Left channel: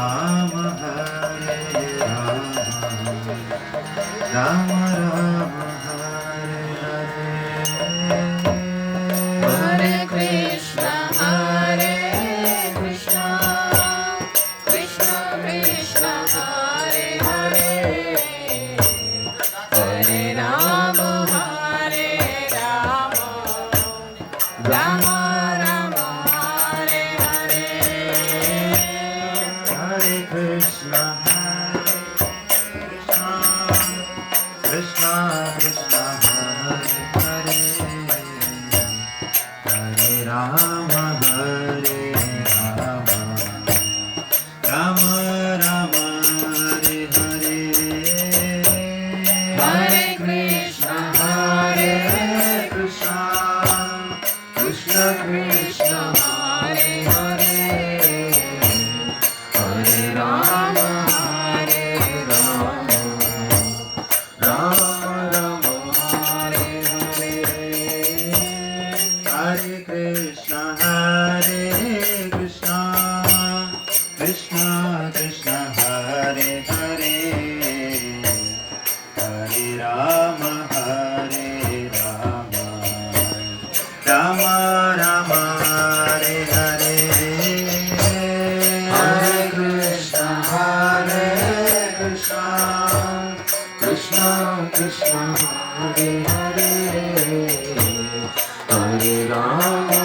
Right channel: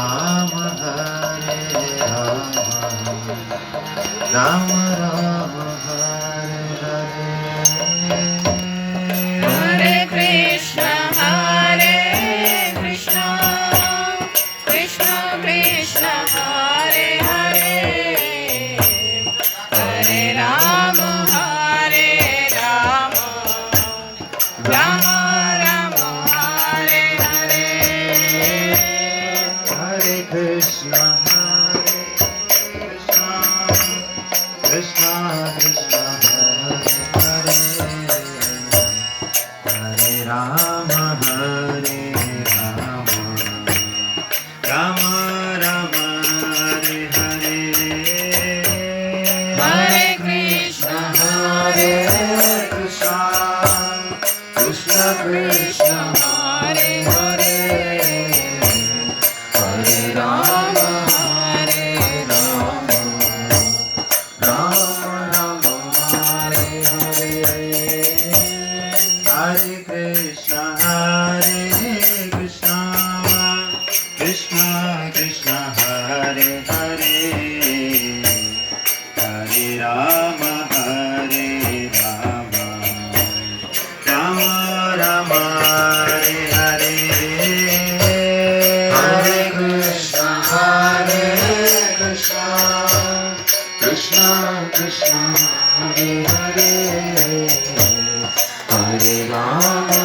Ram Hare Ram Ram Ram Hare Hare Hare Krishna Krishna Krishna Hare Hare Hare Ram Ram Ram Hare Hare Hare Krishna Krishna Krishna Hare Hare Hare Ram Hare Ram Ram Ram Hare Hare Hare Krishna Krishna Krishna Krishna Hare Hare Hare Ram Ram Ram Ram Hare Hare Hare Krishna Krishna Krishna Hare Hare Hare Ram Ram Ram Ram Hare Hare Hare Krishna Krishna Krishna Hare Hare Hare Ram